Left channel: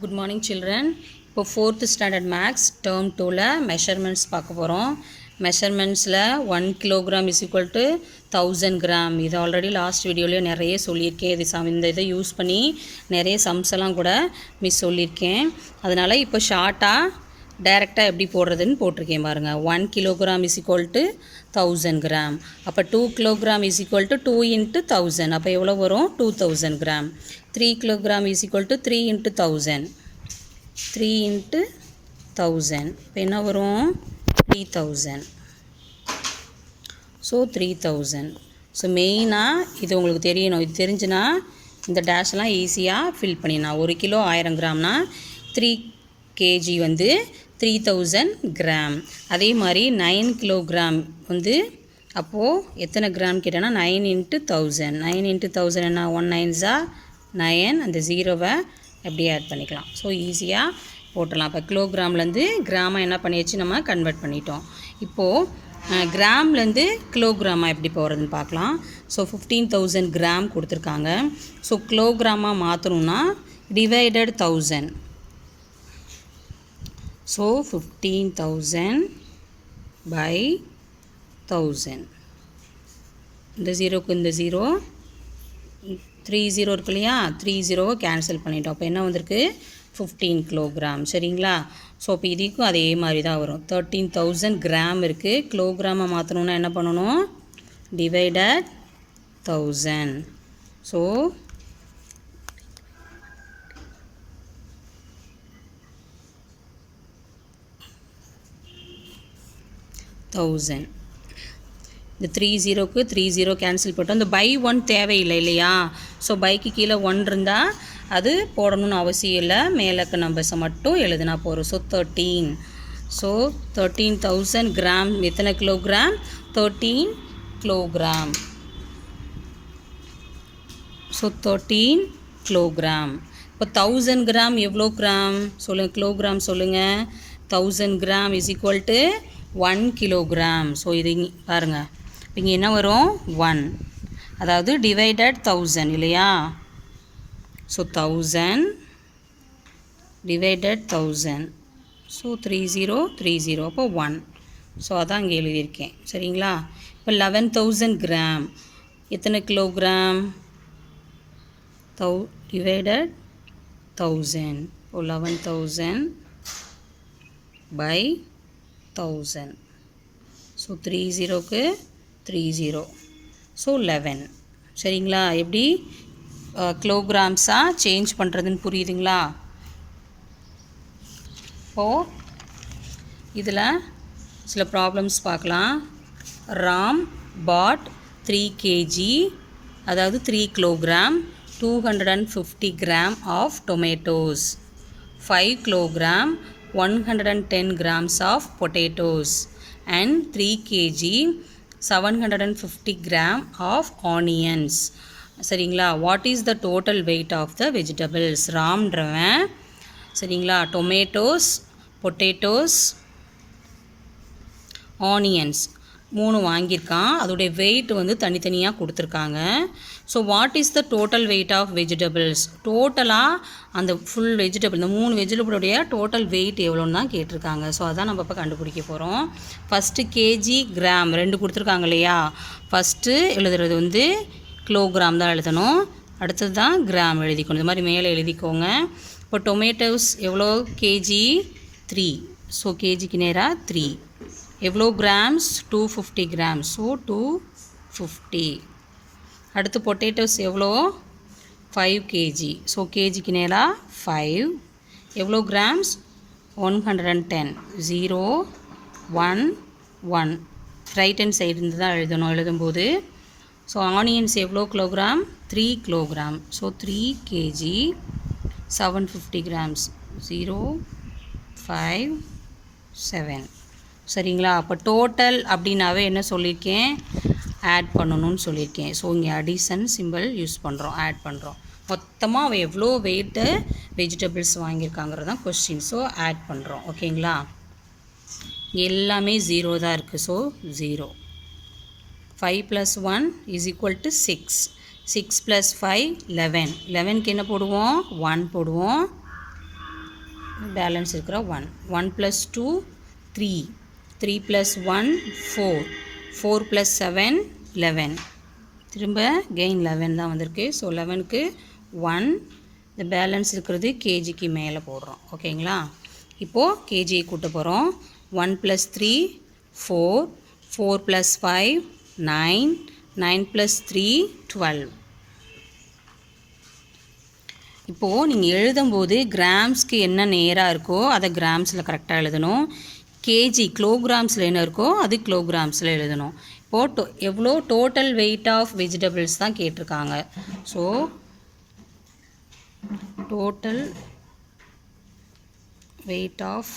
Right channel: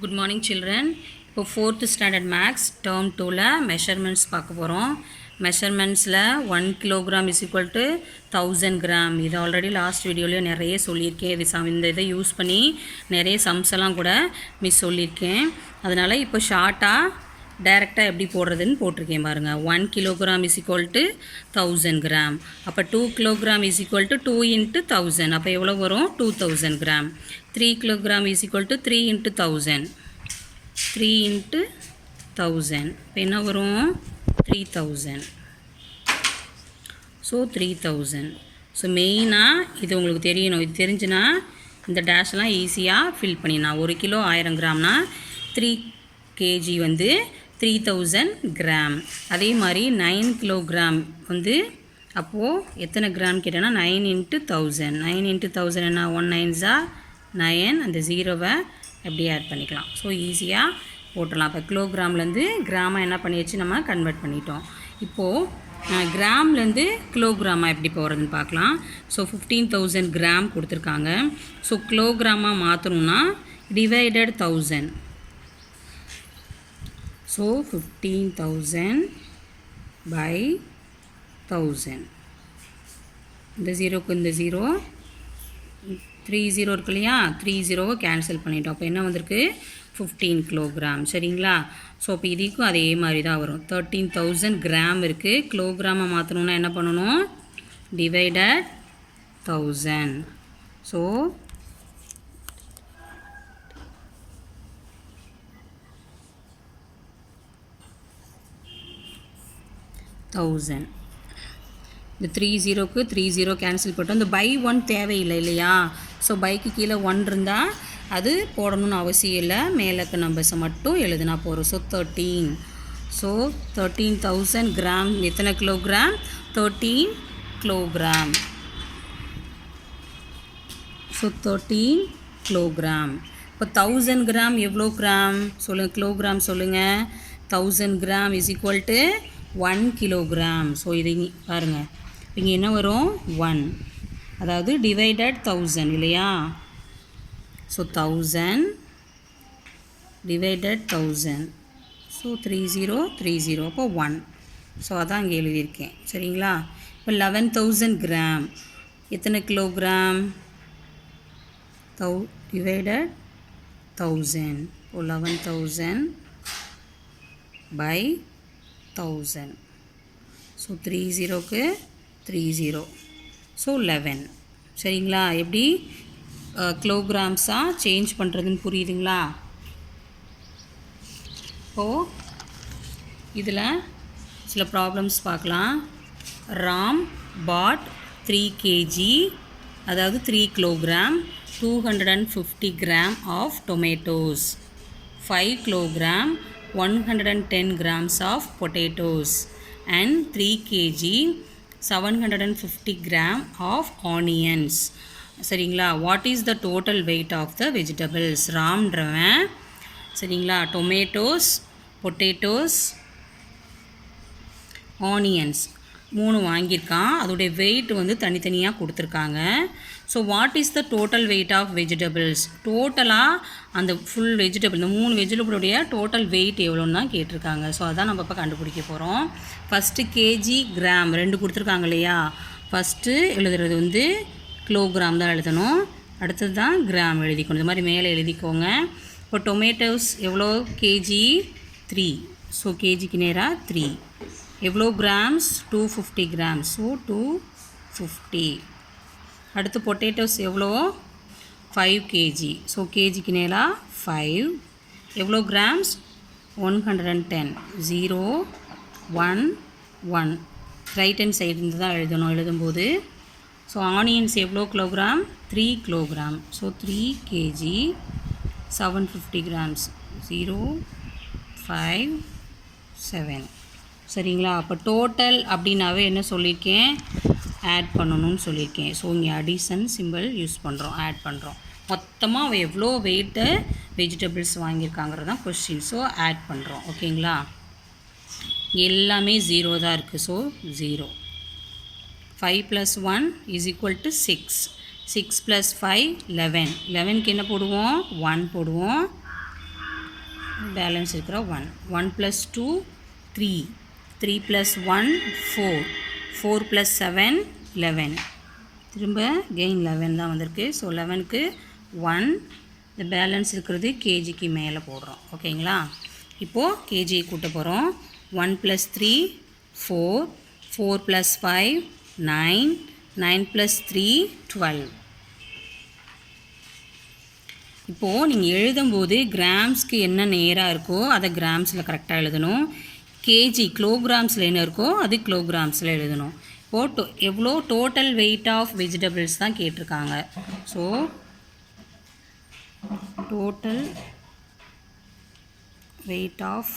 Good morning children. இப்போ 4th standard maths term 2ல measurements பார்க்க போகிறோம். மெஷர்மெண்ட்ஸில் 1 kilogram is equal to 1000 gram. இது already last வீடியோலேயே நிறைய சொல்லியிருக்கேன். இந்த இதை யூஸ் பண்ணி நிறைய சம்ஸ் எல்லாம் கூட மிஸ் சொல்லியிருக்கேன். அதனால் இப்போ ஷார்ட்டாக டைரெக்டாக எப்படி போடுறதுன்னு போட்டிருக்கேன் பாருங்கள். 1 kilogram is equal to 1000 gram. அப்போ 2 kilogram is equal to 2 into 1000. அப்போ எவ்வளோ வரும்? 2000 gram. 3 kilogram is equal to 3 into 1000. 3 into 1000. இப்போ என்ன வரும்? 3000. ஸோ 3000. ஸோ மெயினாக இது உங்களுக்கு தெரியணும். இது தெரிஞ்சுன்னா இந்த டேஷ்லாம் ஈஸியாக ஃபில் பண்ணிடலாம். 1 கிலோ 1000 கிராம்னா 3 கேஜி வந்து 3000 கிராம். அதே மாதிரி 9 கிலோகிராம் வந்து அப்போது எத்தனை கிராம் கேட்டேன்னா 9 இன்ட்டு 1000. 9 இன்ட்டு 1000 என்ன? 1 9s 9. அந்த ஜீரோவை எப்படியே ஆட் பண்ணிக்கலாம். ஸோ ஈஸியாக போட்டலாம். இப்போ கிலோகிராம்லேருந்து கிராமாக என்ன பண்ணியாச்சு, நம்ம கன்வெர்ட் பண்ணிட்டோம். இப்போது கிராம்லேருந்து கிலோகிராமாக எப்படி போகிறதுன்னு பார்க்கலாம். ஸோ 15000 கிராம் கொடுத்துருக்காங்க. ஸோ கிலோகிராமாக மாற்றணுன்னா டிவைடட் 1000. So 15000 by 1000. இந்த ஜீரோக்கு இந்த ஜீரோ 30 இருக்கு இல்லையா? 30 கேன்சல் பண்ணிட்டோம். அப்போ என்ன வந்திருக்கு? 15 கிலோகிராம். சரிங்களா? ஸோ இப்போ இதுக்கும் அதே மாதிரி தான் வரும். 13000 கிராம் இருக்குது. கிலோகிராமை மாற்றணுன்னா என்ன பண்ணணும்? டிவைடட் 1000. ஸோ 1000. இந்த 30க்கு 30 கேன்சல் பண்ணிட்டோம். இந்த பை 1 தேவையில்லை இல்லையா? ஸோ பைக்கு கீழே 1 இருந்தால் அது போடணும்னு அவசியம் இல்லை. மேலக்க நம்பர்ஸை மட்டும் எழுதுனா போகிறோம். ஸோ 13. ஸோ 13000 கிராம் எத்தனை கிலோகிராம்? 13 கிலோகிராம். So 13 kilogram. இப்போ 1000 கிராம் எவ்வளோ கிராம் சொல்லுங்கள்? கிலோகிராம் சொல்லுங்கள். 1000 gram is equal to 1 kilogram. So இது பாருங்கள், இங்கே என்ன வரும்? 1. அதாவது டிவைடட் 1000 இல்லையா? So 1000 divided 1000. ஸோ 30. அப்போ 1. ஸோ அதான் இங்கே எழுதியிருக்கேன். சரிங்களா? இப்போ 11000 கிராம் எத்தனை கிலோகிராம்? டிவைடட் 1000. இப்போ 11000 by 1000. ஸோ 30க்கு 30. ஸோ 11. சரிங்களா? எப்படி கிலோகிராம்ஸாக சேஞ்ச் பண்ணுறதுன்னு புரியுதுங்களா? இப்போது இதில் சில ப்ராப்ளம்ஸ் பார்க்கலாம். ராம் பாட் 3 கேஜி, அதாவது 3 kilogram, 250 gram of tomatoes, 5 kilogram, 110 grams of potatoes, and 3 kg 750 gram of onions. சரிங்களா? What is the total weight of the vegetables? ராம்ன்றவன் சரிங்களா டொமேட்டோஸ், பொட்டேட்டோஸ், ஆனியன்ஸ் 3 வாங்கியிருக்கான். அதோடைய வெயிட் வந்து தனித்தனியாக கொடுத்துருக்காங்க. So what is the total weight of vegetables? டோட்டலாக அந்த full vegetable, இந்த 3 வெஜிடபிளுடைய டோட்டல் வெயிட் எவ்வளோன்னு தான் கேட்டிருக்காங்க. ஸோ அதான் நம்ம இப்போ கண்டுபிடிக்க போகிறோம். ஃபஸ்ட்டு கேஜி, கிராம் 2 கொடுத்துருக்காங்க இல்லையா? ஃபஸ்ட்டு எழுதுறது வந்து கிலோகிராம் தான் எழுதணும். அடுத்தது தான் கிராம் எழுதிக்கணும். இந்த மாதிரி மேலே எழுதிக்கோங்க. இப்போ டொமேட்டோஸ் எவ்வளோ? கேஜி 3. ஸோ கேஜிக்கு நேராக 3. எவ்வளோ கிராம்ஸ்? 250 கிராம்ஸ். ஸோ 250. அடுத்து பொட்டேட்டோஸ் எவ்வளோ? 5 கேஜி. ஸோ கேஜிக்கு நேராக 5. எவ்வளோ கிராம்ஸ்? 110. 0 1 1. ரைட் ஹேண்ட் சைடு இருந்து தான் எழுதணும் எழுதும்போது. ஸோ ஆனியன்ஸ் எவ்வளோ kilogram? 3 kilogram. So 3 KG 750 grams. 0 5 7. சரிங்களா? அப்போ டோட்டல் அப்படின்னாவே என்ன சொல்லியிருக்கேன்? ஆட் பண்ணணும்னு சொல்லியிருக்கேன். ஸோ இங்கே அடிஷன் சிம்பிள் யூஸ் பண்ணுறோம், ஆட் பண்ணுறோம். மொத்தமாக அவன் எவ்வளோ வெயிட்டு வெஜிடபிள்ஸ் வாங்கியிருக்காங்கிறதான் கொஸ்டின். ஸோ ஆட் பண்ணுறோம். ஓகேங்களா? எல்லாமே 0 தான் இருக்குது. ஸோ 0. 5 + 1 = 6. 6 + 5 11. 11க்கு என்ன போடுவோம்? 1 போடுவோம். பேலன்ஸ் இருக்கிற 1. 1 + 2 3. 3 + 1 4. 4 + 7 11. திரும்ப கெயின் 11 தான் வந்திருக்கு. ஸோ 11க்கு 1. இந்த பேலன்ஸ் இருக்கிறது கேஜிக்கு மேலே போடுறோம். ஓகேங்களா? இப்போது கேஜியை கூட்ட போகிறோம். 1 + 3 4. 4 + 5 9. 9 + 3 12. இப்போது நீங்கள் எழுதும்போது கிராம்ஸ்க்கு என்ன நேராக இருக்கோ அதை கிராம்ஸில் கரெக்டாக எழுதணும். கேஜி கிலோகிராம்ஸில் என்ன இருக்கோ அது கிலோகிராம்ஸில் எழுதணும். இப்போது எவ்வளோ டோட்டல் வெயிட் ஆஃப் வெஜிடபிள்ஸ் தான் கேட்டிருக்காங்க. So total weight of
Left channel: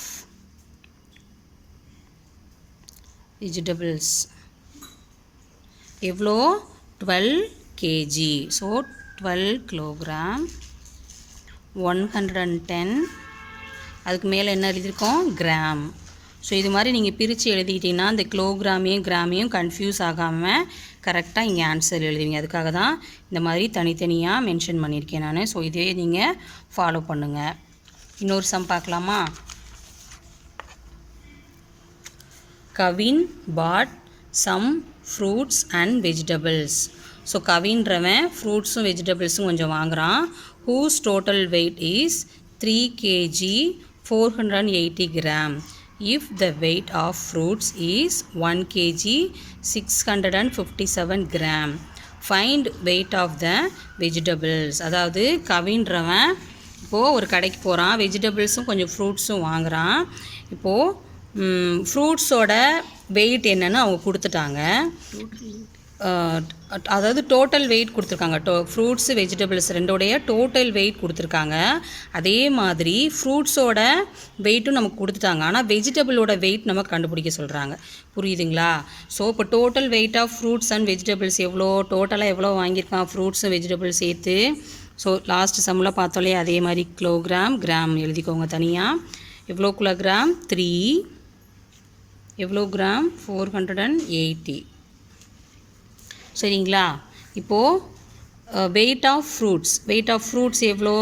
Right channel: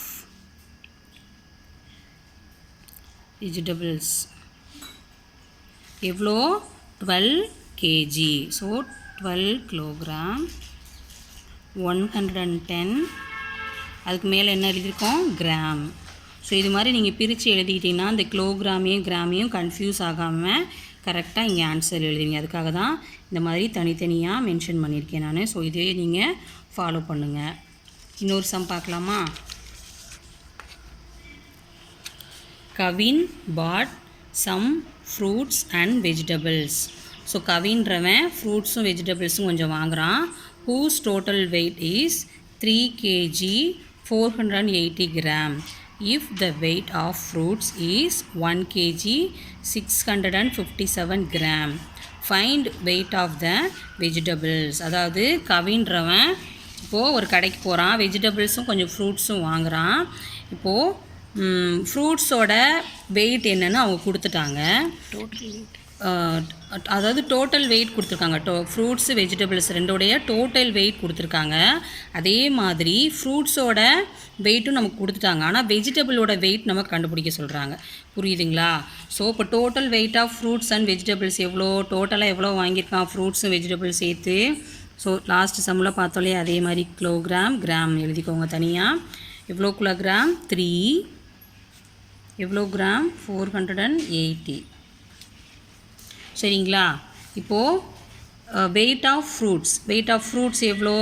vegetables எவ்வளோ 12 kg. So 12 kilogram 110. அதுக்கு மேலே என்ன எழுதியிருக்கோம்? கிராம். ஸோ இது மாதிரி நீங்கள் பிரித்து எழுதிக்கிட்டிங்கன்னா இந்த கிலோகிராமையும் கிராமையும் கன்ஃபியூஸ் ஆகாமல் கரெக்டாக இங்கே ஆன்சர் எழுதுவீங்க. அதுக்காக தான் இந்த மாதிரி தனித்தனியாக மென்ஷன் பண்ணியிருக்கேன் நான். ஸோ இதே நீங்கள் ஃபாலோ பண்ணுங்கள். இன்னொரு சம் பார்க்கலாமா? Kavin bought some fruits and vegetables. So கவின்றவன் ஃப்ரூட்ஸும் வெஜிடபிள்ஸும் கொஞ்சம் வாங்குகிறான். whose total weight is 3 kg 480 gram. If the weight of fruits is 1 kg 657 gram. Find weight of the vegetables. அதாவது கவின்றவன் இப்போது ஒரு கடைக்கு போகிறான். வெஜிடபிள்ஸும் கொஞ்சம் ஃப்ரூட்ஸும் வாங்குகிறான். இப்போது ஃப்ரூட்ஸோட வெயிட் என்னென்னு அவங்க கொடுத்துட்டாங்க. அதாவது டோட்டல் வெயிட் கொடுத்துருக்காங்க. ஃப்ரூட்ஸு வெஜிடபிள்ஸ் ரெண்டோடைய டோட்டல் வெயிட் கொடுத்துருக்காங்க. அதே மாதிரி ஃப்ரூட்ஸோட வெயிட்டும் நமக்கு கொடுத்துட்டாங்க. ஆனால் வெஜிடபிளோட வெயிட் நம்ம கண்டுபிடிக்க சொல்கிறாங்க. புரியுதுங்களா? ஸோ இப்போ total weight of fruits and vegetables எவ்வளோ, டோட்டலாக எவ்வளோ வாங்கியிருக்கான் ஃப்ரூட்ஸும் வெஜிடபிள்ஸ் சேர்த்து. ஸோ லாஸ்ட் சம்மில் பார்த்தோலே அதே மாதிரி கிலோகிராம் கிராம் எழுதிக்கோங்க தனியாக. எவ்வளோ கிலோகிராம்? 3. எவ்வளோ கிராம்? 480. சரிங்களா? இப்போது வெயிட் ஆஃப் ஃப்ரூட்ஸ் எவ்வளோ?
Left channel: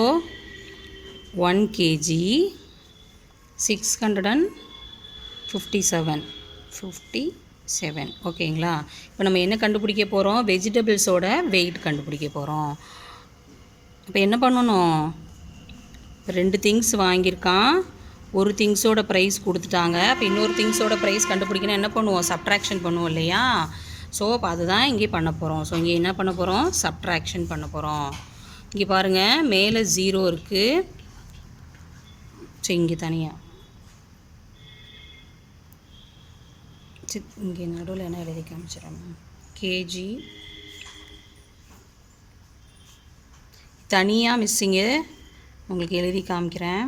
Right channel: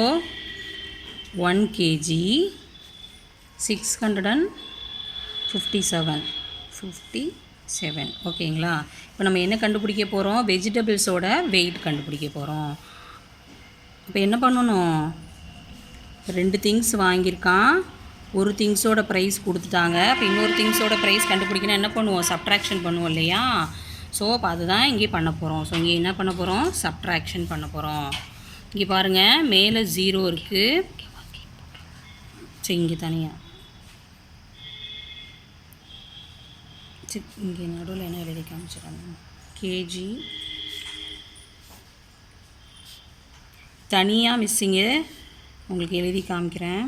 1 kg 657. ஓகேங்களா? இப்போ நம்ம என்ன கண்டுபிடிக்க போகிறோம்? வெஜிடபிள்ஸோட வெயிட் கண்டுபிடிக்க போகிறோம். இப்போ என்ன பண்ணணும்? 2 திங்ஸ் வாங்கியிருக்கான். ஒரு திங்ஸோட ப்ரைஸ் கொடுத்துட்டாங்க. இப்போ இன்னொரு திங்ஸோட ப்ரைஸ் கண்டுபிடிக்கணும். என்ன பண்ணுவோம்? சப்ட்ராக்ஷன் பண்ணுவோம் இல்லையா? ஸோ அப்போ அதுதான் இங்கே பண்ண போகிறோம். ஸோ இங்கே என்ன பண்ண போகிறோம்? சப்ட்ராக்ஷன் பண்ண போகிறோம். இங்கே பாருங்கள், மேலே 0 இருக்குது. ஸோ இங்கே தனியாக இங்கே நடுவில் என்ன எழுதி காமிச்சிடணும்? கேஜி தனியாக மிஸ்ஸிங்கு உங்களுக்கு எழுதி காமிக்கிறேன்.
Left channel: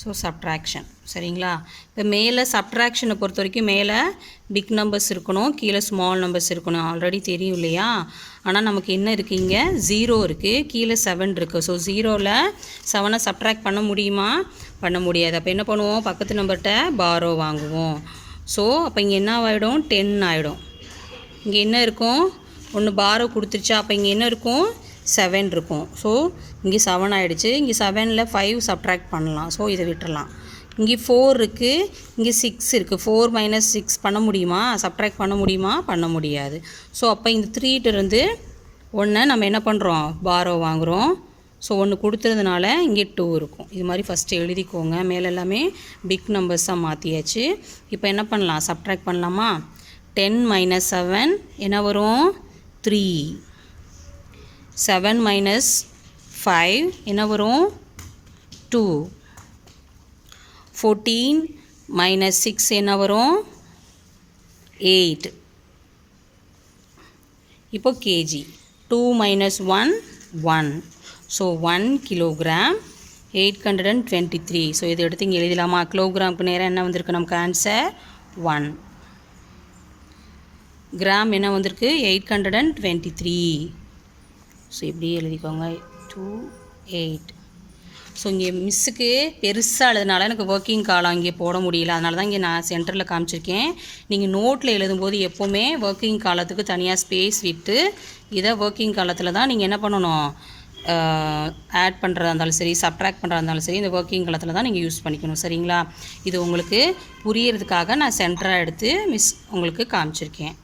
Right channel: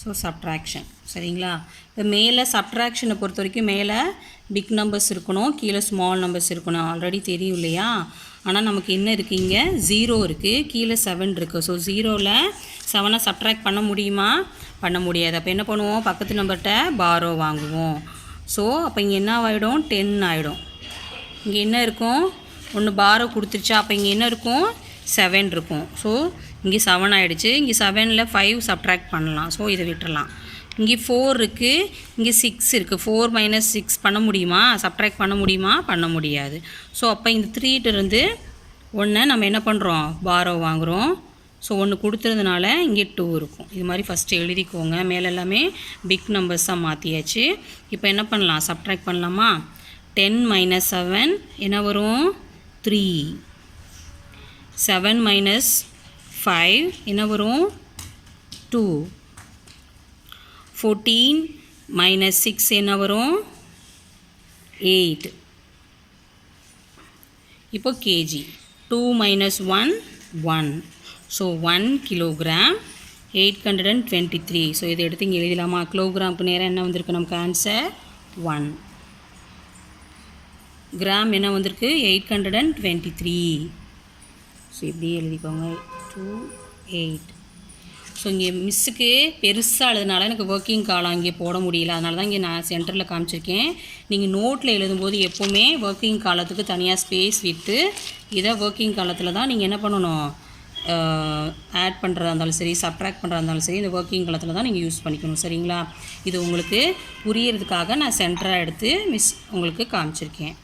So subtraction. சரிங்களா? இப்போ மேலே சப்ட்ராக்ஷனை பொறுத்த வரைக்கும் மேலே பிக் நம்பர்ஸ் இருக்கணும், கீழே ஸ்மால் நம்பர்ஸ் இருக்கணும். ஆல்ரெடி தெரியும் இல்லையா? ஆனால் நமக்கு என்ன இருக்குது? இங்கே 0 இருக்குது, கீழே 7 இருக்குது. ஸோ 0ல் 7 சப்ட்ராக்ட் பண்ண முடியுமா? பண்ண முடியாது. அப்போ என்ன பண்ணுவோம்? பக்கத்து நம்பர்கிட்ட பாரோ வாங்குவோம். ஸோ அப்போ இங்கே என்ன ஆகிடும்? 10 ஆகிடும். இங்கே என்ன இருக்கும்? ஒன்று பாரோ கொடுத்துருச்சா? அப்போ இங்கே என்ன இருக்கும்? 7 இருக்கும். ஸோ இங்கே 7 ஆகிடுச்சு. இங்கே 7ல் 5 சப்ட்ராக்ட் பண்ணலாம். ஸோ இதை விட்டுறலாம். இங்கே 4 இருக்குது, இங்கே 6 இருக்குது. 4 - 6 பண்ண முடியுமா? சப்ட்ராக்ட் பண்ண முடியுமா? பண்ண முடியாது. ஸோ அப்போ இந்த 3ட்டிருந்து 1 நம்ம என்ன பண்ணுறோம்? பாரோ வாங்குகிறோம். ஸோ 1 கொடுத்துறதுனால இங்கே 2 இருக்கும். இது மாதிரி ஃபஸ்ட்டு எழுதிக்கோங்க. மேலே எல்லாமே பிக் நம்பர்ஸாக மாற்றியாச்சு. இப்போ என்ன பண்ணலாம்? சப்ட்ராக்ட் பண்ணலாமா? 10 - 7 என்ன வரும்? 3. 7 - 5 என்ன வரும்? 2. 14 - 6 என்ன வரும்? 8. இப்போ கேஜி 2 - 1 1. So 1 kilogram 823. ஸோ இதை எடுத்து இங்கே எழுதலாமா? கிலோகிராமுக்கு நேரம் என்ன வந்திருக்கு? நமக்கு ஆன்சர் 1. கிராம் என்ன வந்திருக்கு? 823. ஸோ இப்படியே எழுதிக்கோங்க. 2 8. ஸோ இங்கே மிஸ்ஸுக்கு பெருசாக எழுதுனால எனக்கு ஒர்க்கிங் காலம் இங்கே போட முடியல. அதனால தான் இங்கே நான் சென்டரில் காமிச்சிருக்கேன். நீங்கள் நோட்டில் எழுதும்போது எப்போவுமே ஒர்க்கிங் காலத்துக்கு தனியாக ஸ்பேஸ் விட்டு இதை ஒர்க்கிங் காலத்தில் தான் நீங்கள் என்ன பண்ணணும்? ஆட் பண்ணுறதா இருந்தாலும் சரி, சப்ட்ராக்ட் பண்ணுறதா இருந்தாலும் சரி, இந்த ஒர்க்கிங் காலத்தில் தான் நீங்கள் யூஸ் பண்ணிக்கணும். சரிங்களா? இது உங்களுக்கு புரியறதுக்காக நான் சென்டராக எடுத்து உங்களுக்கு காமிச்சிருக்கேன்.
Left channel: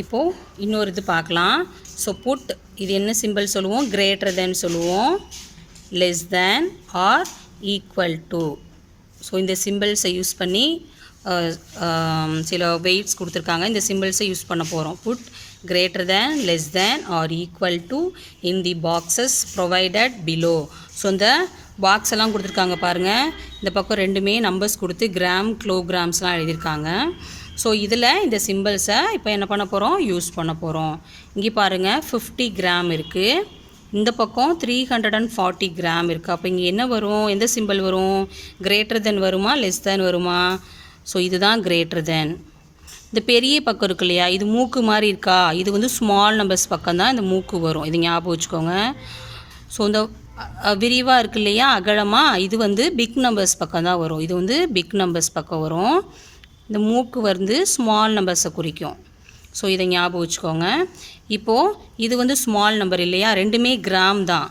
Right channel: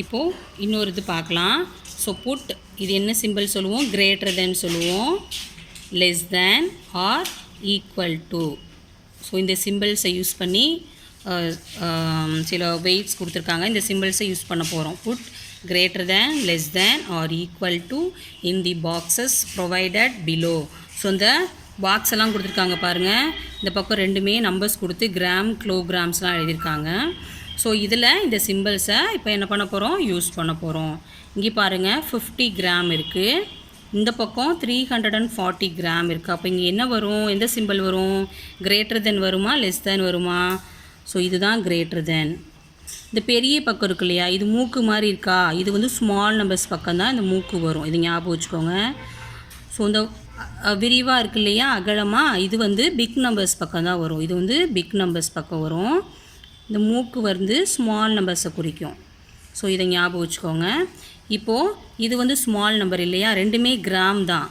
இப்போது இன்னொரு இது பார்க்கலாம். ஸோ புட், இது என்ன சிம்பிள் சொல்லுவோம்? கிரேட்டர் தென் சொல்லுவோம், less than or equal to. So இந்த சிம்பிள்ஸை யூஸ் பண்ணி சில வெயிட்ஸ் கொடுத்துருக்காங்க. இந்த சிம்பிள்ஸை யூஸ் பண்ண போகிறோம். Put greater than, less than or equal to in the boxes provided below. So இந்த பாக்ஸ் எல்லாம் கொடுத்துருக்காங்க பாருங்கள். இந்த பக்கம் ரெண்டுமே நம்பர்ஸ் கொடுத்து கிராம், கிலோகிராம்ஸ்லாம் எழுதியிருக்காங்க. ஸோ இதில் இந்த சிம்பிள்ஸை இப்போ என்ன பண்ண போகிறோம்? யூஸ் பண்ண போகிறோம். இங்கே பாருங்கள் 50 கிராம் இருக்குது. இந்த பக்கம் 340 கிராம் இருக்குது. அப்போ இங்கே என்ன வரும்? எந்த சிம்பிள் வரும்? கிரேட்டர் தென் வருமா, லெஸ் தேன் வருமா? ஸோ இதுதான் கிரேட்டர் தென். இந்த பெரிய பக்கம் இருக்கு இல்லையா, இது மூக்கு மாதிரி இருக்கா, இது வந்து ஸ்மால் நம்பர்ஸ் பக்கம் தான் இந்த மூக்கு வரும். இது ஞாபகம் வச்சுக்கோங்க. ஸோ இந்த விரிவாக இருக்கு இல்லையா, அகலமாக, இது வந்து பிக் நம்பர்ஸ் பக்கம் தான் வரும். இது வந்து பிக் நம்பர்ஸ் பக்கம் வரும். இந்த மூக்கு வந்து ஸ்மால் நம்பர்ஸை குறிக்கும். ஸோ இதை ஞாபகம் வச்சுக்கோங்க. இப்போது இது வந்து ஸ்மால் நம்பர் இல்லையா, ரெண்டுமே கிராம் தான்.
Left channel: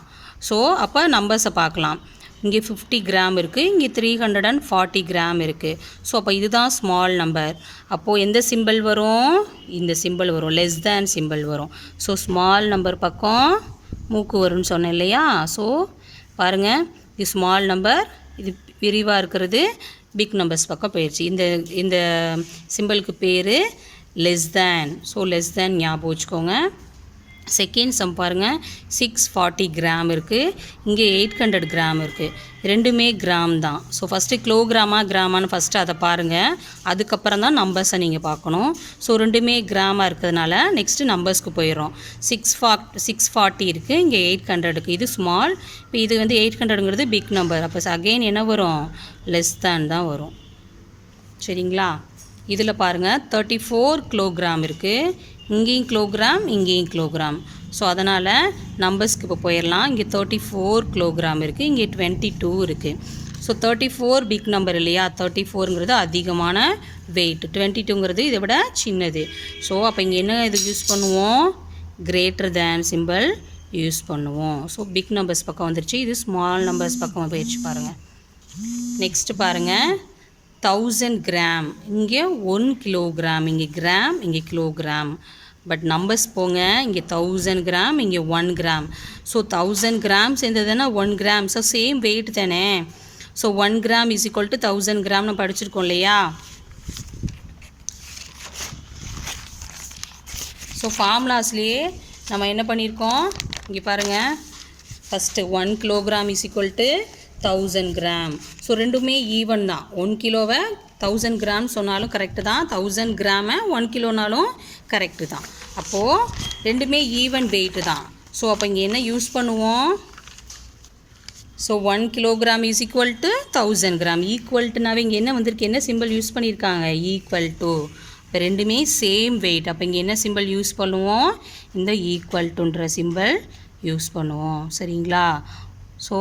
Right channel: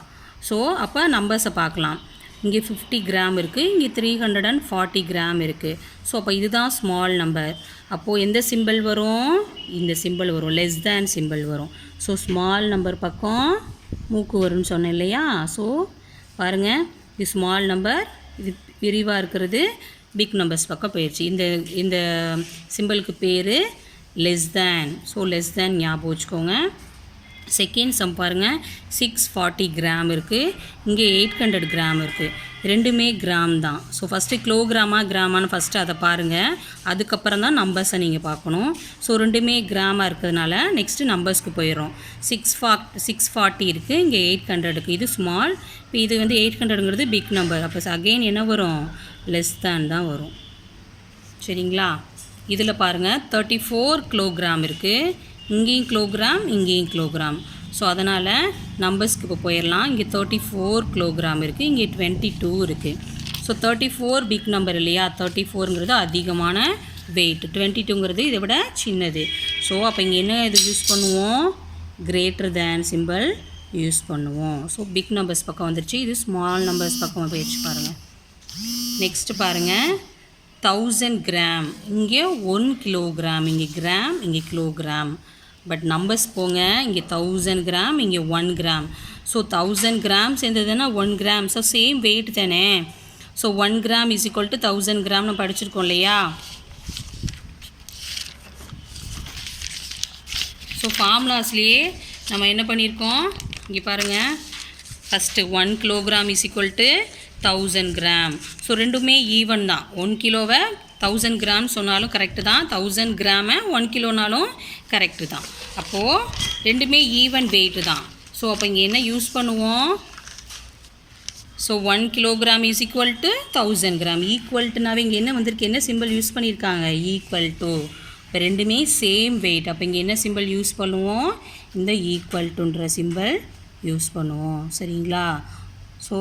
ஸோ அப்போ நம்பர்ஸை பார்க்கலாம். இங்கே 50 கிராம் இருக்குது, இங்கே 340 கிராம் இருக்குது. ஸோ அப்போ இதுதான் ஸ்மால் நம்பர். அப்போது எந்த சிம்பிள் வரும்? இந்த சிம்பிள் வரும், லெஸ் தேன் சிம்பிள் வரும். ஸோ ஸ்மால் நம்பர் பக்கம் மூக்கு வரும்னு சொன்னேன் இல்லையா. ஸோ பாருங்கள், இது ஸ்மால் நம்பர், இது விரிவாக இருக்கிறது பிக் நம்பர்ஸ் பக்கம் போயிடுச்சு. இந்த சிம்பிளுக்கு பேர் less than. So less than ஞாபகம் வச்சுக்கோங்க. செகண்ட் சம் பாருங்கள், 640 கிராம் இருக்குது, இங்கே 800 கிராம் இருக்குது. ரெண்டுமே கிராம் தான். ஸோ ஃபஸ்ட்டு கிலோகிராமா கிராமான்னு ஃபஸ்ட்டு அதை பாருங்கள். அதுக்கப்புறம் தான் நம்பர்ஸை நீங்கள் பார்க்கணும். ஸோ ரெண்டுமே கிராமாக இருக்கிறதுனால நெக்ஸ்ட்டு நம்பர்ஸ்க்கு போயிடும். 640 இருக்குது, இங்கே 800 இருக்குது. இது ஸ்மால். இப்போ இது வந்து 800ங்கிறது பிக் நம்பர். அப்போ அகெயின் என்ன வரும்? லெஸ் தேன் தான் வரும். சரிங்களா? இதில் பாருங்கள் 34 கிலோகிராம் இருக்குது, இங்கேயும் கிலோகிராம், இங்கேயும் கிலோகிராம். ஸோ அதனால் நம்பர்ஸ்க்கு இப்போ போயிடலாம். இங்கே 34 கிலோகிராம் இருக்குது, இங்கே 22 இருக்குது. ஸோ 34 பிக் நம்பர் இல்லையா, 34ங்கிறது அதிகமான வெயிட், 22ங்கிறது இதை விட சின்னது. ஸோ அப்போ இங்கே என்ன இது யூஸ் பண்ணுவோம்? கிரேட்டர் தேன் சிம்பிள் யூஸ் பண்ணுவோம். ஸோ பிக் நம்பர்ஸ் பக்கம் வந்துருச்சு. இது ஸ்மால் நம்பர்ஸ் பக்கம் போயிடுச்சு பாருங்கள். நெக்ஸ்ட்டு பாருங்கள், 1000 கிராம், இங்கே 1 கிலோகிராம், இங்கே கிராம், இங்கே கிலோகிராம். பட் நம்பர்ஸ் போங்க, இங்கே 1000 கிராம், இங்கே 1 கிராம். ஸோ 1000 கிராம் சேர்ந்ததுன்னா 1 கிராம். ஸோ சேம் வெயிட் தானே. So 1 gram is equal to 1000 கிராம்னு படிச்சிருக்கோம் இல்லையா. ஸோ ஃபார்முலாஸ்லேயே நம்ம என்ன பண்ணியிருக்கோம், இங்கே பாருங்கள். First 1 kilogram is equal to 1000 gram. So ரெண்டுமே ஈவன் தான். 1 கிலோவை 1000 கிராம் சொன்னாலும் கரெக்டு தான், 1000 கிராமை 1 கிலோனாலும் கரெக்டு தான். அப்போது ரெண்டுமே ஈவன் வெயிட்டு தான். ஸோ அப்போ இங்கே என்ன யூஸ் பண்ணுவோம்? So 1 kilogram is equal to 1000 gram. ஈக்குவல்ட்டுனாவே இங்கே என்ன வந்திருக்கு, என்ன சிம்பிள் யூஸ் பண்ணியிருக்காங்க? Equal to. இப்போ ரெண்டுமே சேம் வெயிட். அப்போ இங்கே என்ன சிம்பிள் யூஸ் பண்ணுவோம்? இந்த ஈக்குவல் டுன்ற சிம்பிள் யூஸ் பண்ணுவோம். சரிங்களா? ஸோ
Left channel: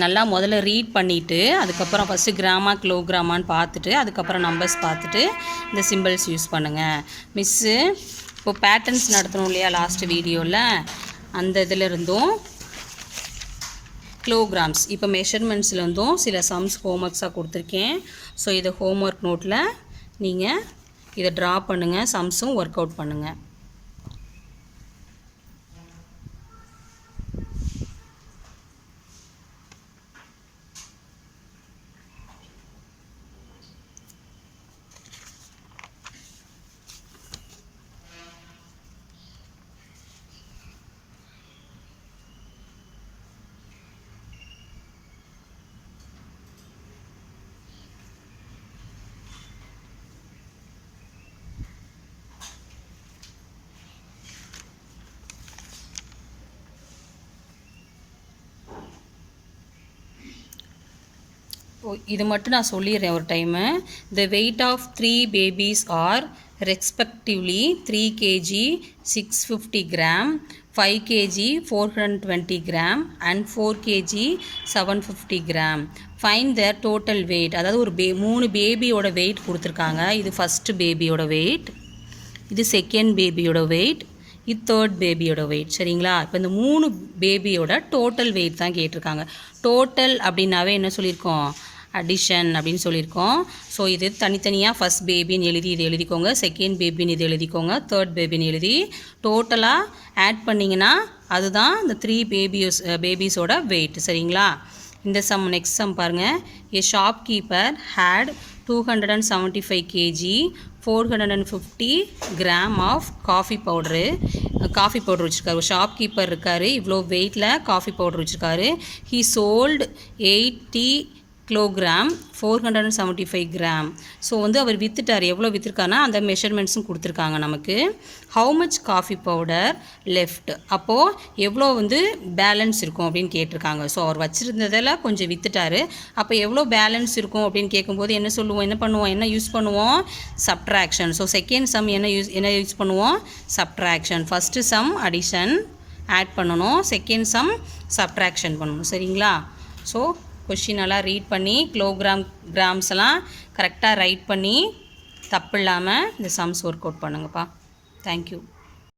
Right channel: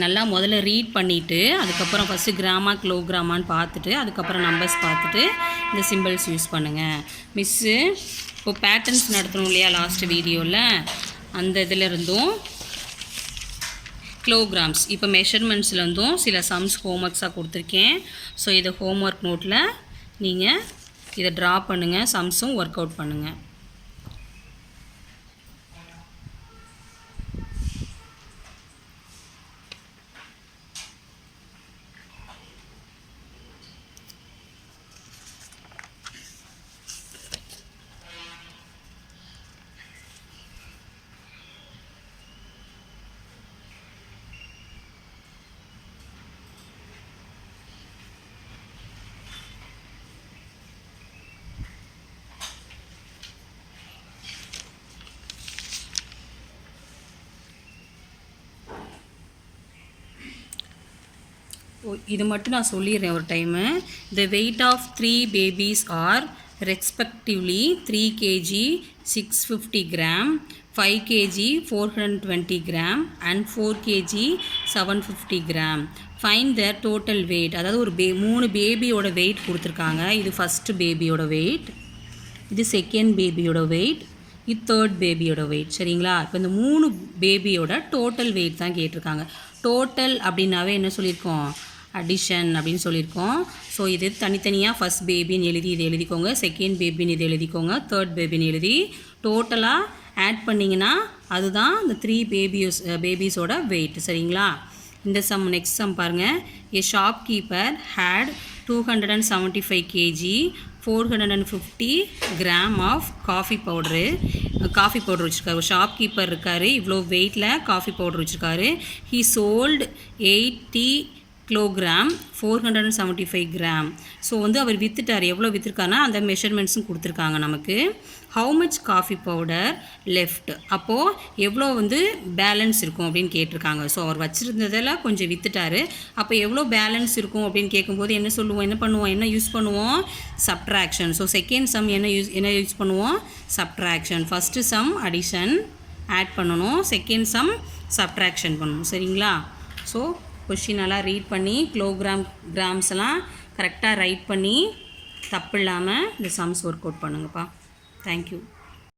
நல்லா முதல்ல ரீட் பண்ணிவிட்டு அதுக்கப்புறம் ஃபஸ்ட்டு கிராமா கிலோகிராமான்னு பார்த்துட்டு அதுக்கப்புறம் நம்பர்ஸ் பார்த்துட்டு இந்த சிம்பிள்ஸ் யூஸ் பண்ணுங்கள். மிஸ்ஸு இப்போது பேட்டர்ன்ஸ் நடத்தணும் இல்லையா லாஸ்ட்டு வீடியோவில், அந்த இதில் இருந்தும் கிலோகிராம்ஸ் இப்போ மெஷர்மெண்ட்ஸ்லேருந்தும் சில சம்ஸ் ஹோம்ஒர்க்ஸாக கொடுத்துருக்கேன். ஸோ இதை ஹோம்ஒர்க் நோட்டில் நீங்கள் இதை ட்ரா பண்ணுங்கள், சம்ஸும் ஒர்க் அவுட் பண்ணுங்கள். இது மட்டும் நான் சொல்லிடுறேன் ஒரு time. The weight of 3 babies are respectively 3 kg 650 gram, 5 kg 420 gram and 4 kg 750 gram. Find the total weight. அதாவது ஒரு 3 பேபியோட வெயிட் கொடுத்துருக்காங்க. இது ஃபஸ்ட்டு பேபியோட வெயிட், இது செகண்ட் பேபியோட வெயிட், இது தேர்ட் பேபியோட வெயிட். சரிங்களா? இப்போ இந்த 3 பேபியோட டோட்டல் வெயிட் தான் கேட்டிருக்காங்க. டோட்டல் அப்படின்னாவே என்ன சொல்லியிருக்கோம்? அடிஷன் அப்படின்னு சொல்லியிருக்கோம். ஸோ இது தனித்தனியாக ஃபஸ்ட் பேபின்னு எழுதி இது எழுதிக்கோங்க, செகண்ட் பேபின்னு இது எழுதிக்கோங்க, தேர்ட் பேபின்னு எழுதி டோட்டலாக ஆட் பண்ணிங்கன்னா அதுதான் இந்த 3 பேபிஸோட வெயிட். சரிங்களா? இந்த சம் நெக்ஸ்ட் சம் பாருங்கள். A shopkeeper had 275 kg 450 gram of coffee powder வச்சுருக்காரு. ஒரு ஷாப்கீப்பர் இருக்கார், இவ்வளோ வெயிட்டில் காஃபி பவுட்ரு வச்சுருக்காரு. He sold 80 kilogram 475 gram. So வந்து அவர் விற்றுட்டார். எவ்வளோ விற்றுருக்காருன்னா அந்த மெஷர்மெண்ட்ஸும் கொடுத்துருக்காங்க நமக்கு. How much coffee powder left, அப்போது எவ்வளோ வந்து பேலன்ஸ் இருக்கும் அப்படின்னு கேட்டிருக்காங்க. ஸோ அவர் வச்சுருந்ததில் கொஞ்சம் விற்றுட்டாரு. அப்போ எவ்வளோ பேலன்ஸ் இருக்கும் அப்படின்னு கேட்கும்போது என்ன யூஸ் பண்ணுவோம்? சப்ட்ராக்ஷன். ஸோ செகண்ட் சம் என்ன யூஸ் பண்ணுவோம்? Subtraction. First sum addition add பண்ணணும், செகண்ட் சம் சப்ட்ராக்ஷன் பண்ணணும். சரிங்களா? ஸோ கொஷின் எல்லாம் ரீட் பண்ணி கிராம்ஸ் எல்லாம் கரெக்டாக ரைட் பண்ணி தப்பு இல்லாமல் இந்த சம்ஸ் ஒர்க் அவுட் பண்ணுங்கப்பா. தேங்க்யூ.